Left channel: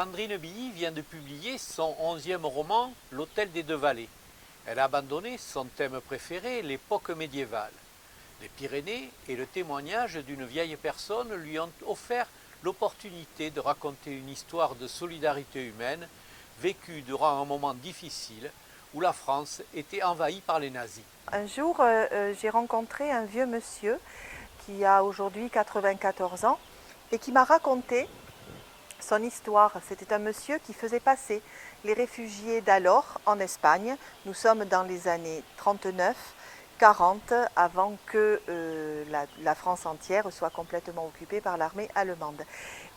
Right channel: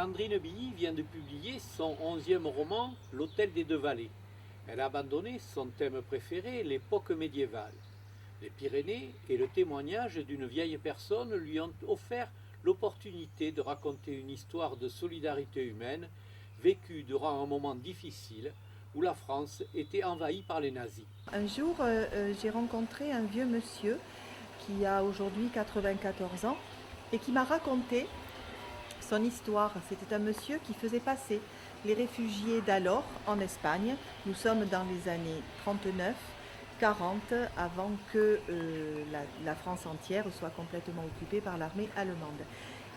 Sandrine Billy vient de publier son 11e roman, L'Hôtel des Deux Vallées. Elle a abandonné son thème préféré, l'époque médiévale. Les Pyrénées et le témoignage d'une vieille personne lui ont offert l'opportunité de raconter une histoire de solidarité humaine vécue durant un moment difficile où la France était envahie par les nazis. Un jour, j'ai rencontré un vieux monsieur qui a aujourd'hui 94 ans et qui m'a raconté son histoire. C'était un monsieur qui faisait passer les réfugiés d'alors en Espagne. Nous sommes dans les années 39, 40, avant que la France entière soit complètement occupée par l'armée allemande.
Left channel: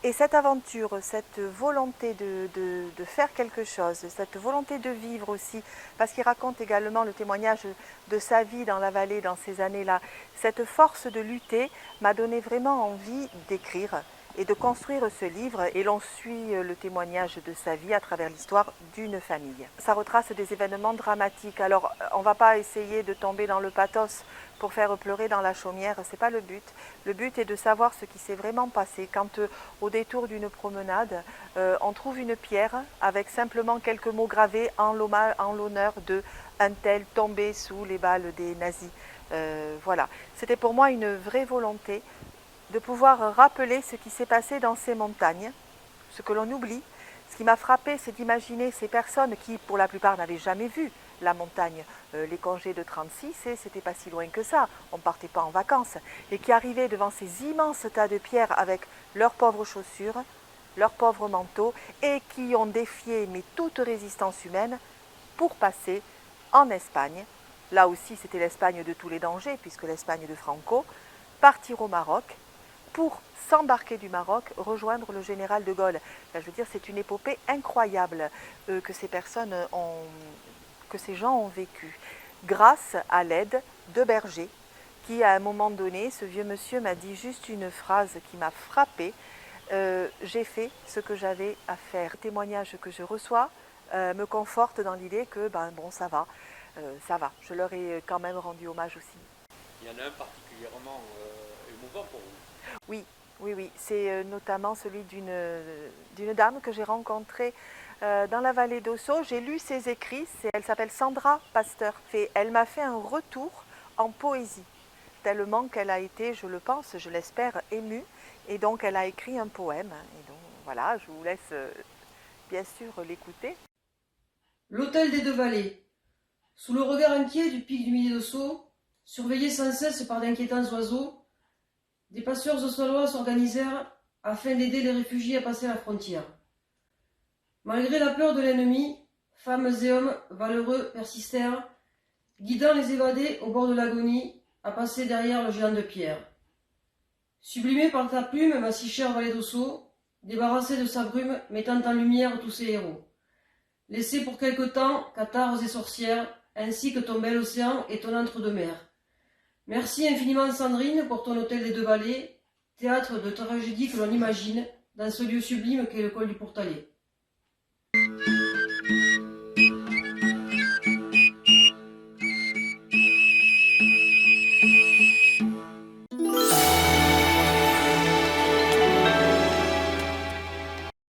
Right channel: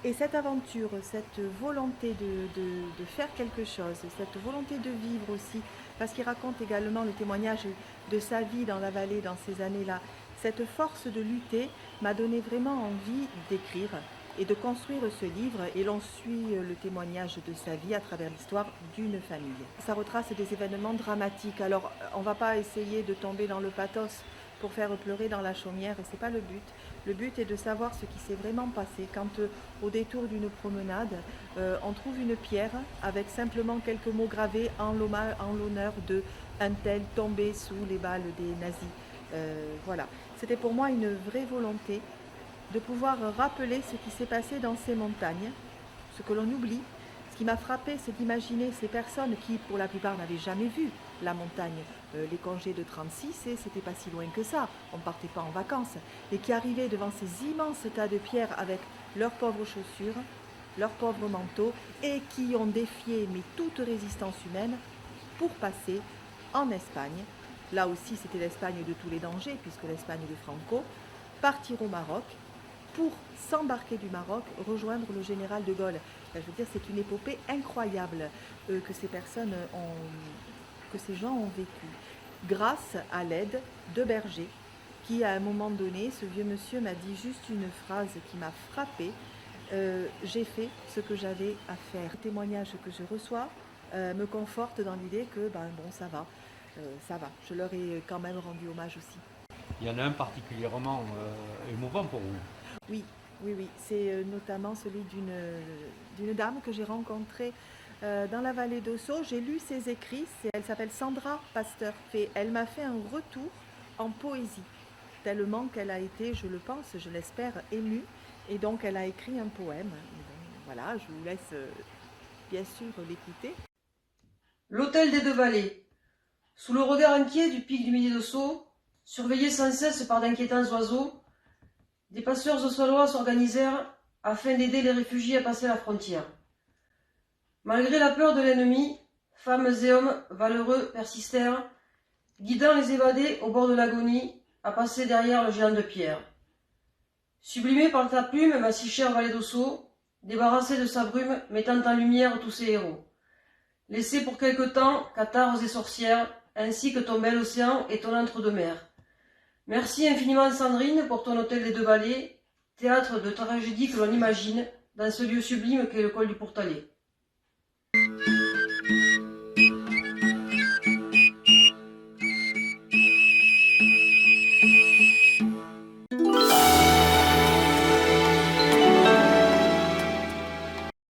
Et cette aventure, cette volonté de faire quelque chose, cette volonté de vivre aussi, parce qu'il raconte également le témoignage de sa vie dans la vallée dans ces années-là, cette force de lutter m'a donné vraiment envie d'écrire et de construire ce livre, et l'on suit le témoignage de sa vie à travers l'histoire d'une famille. Ça retrace des événements dramatiques. Alors, on ne va pas essayer de tomber dans le pathos pour faire pleurer dans la chaumière, c'est pas le but. Le but est de savoir ce qui s'est vraiment passé quand, au détour d'une promenade, on trouve une pierre avec simplement quelques mots gravés en l'honneur d'un tel tombé sous les balles des nazis. Voilà, c'était pour moi une vraie volonté de pouvoir rappeler ce qui s'est passé dans ces montagnes, ce que l'on oublie. Ce qui m'a frappé, c'est d'imaginer ces personnes qui, pour la plupart, n'avaient jamais vu la montagne. Les congés de 36, c'était pas si loin que ça, on ne partait pas en vacances, et qui arrivaient devant ces immenses tas de pierres avec leurs pauvres chaussures, leurs pauvres manteaux, et qui ont défié mais toute résistance humaine pour passer en Espagne. Là aussi, c'était l'Espagne de tous les dangers, puisque l'Espagne de Franco, partir au Maroc, pour s'embarquer du Maroc, rejoindre le général de Gaulle. Je veux dire, c'est une épopée incroyable que ces personnes que ces gens ont vécu, grâce à l'aide de Berger, qui à un moment donné, ce vieux monsieur m'a dit juste une phrase qui m'a frappée. J'ai fait ce que j'avais à faire. Le témoignage que je reçois me conforte dans l'idée que, bon, ça va. Je leur ai quand même rendu hommage aussi. Il y en a un particulièrement émouvant pour vous. Oui. C'est notamment celui d'une dame que j'ai rencontrée dans la vallée d'Ossau. J'ai lu ses écrits, elle s'appelle Sandra Pasteur. Et elle m'a fait un retour en poésie, tellement qu'elle a été, je le pense, je l'espère, émue. Et donc elle a écrit un poème. Et donc, voilà, je vous laisse bien sûr l'écouter. L'hôtel des Deux Vallées. Sous le regard inquiet du pic du Midi d'Ossau, surveillé sans cesse par d'inquiétants oiseaux, des passeurs ossois s'organisèrent afin d'aider les réfugiés à passer la frontière. Malgré la peur de l'ennemi, femmes et hommes valeureux persistèrent, guidant les évadés au bord de l'agonie à passer derrière le géant de pierre. Sublimé par ta plume, ma si chère vallée d'Ossau, débarrassée de sa brume, mettant en lumière tous ses héros. Laissés pour quelque temps, cathares et sorcières, ainsi que ton bel océan et ton entre-deux-mers. Merci infiniment Sandrine pour ton hôtel des Deux Vallées, théâtre de tragédie que l'on imagine dans ce lieu sublime qu'est le col du Pourtalais.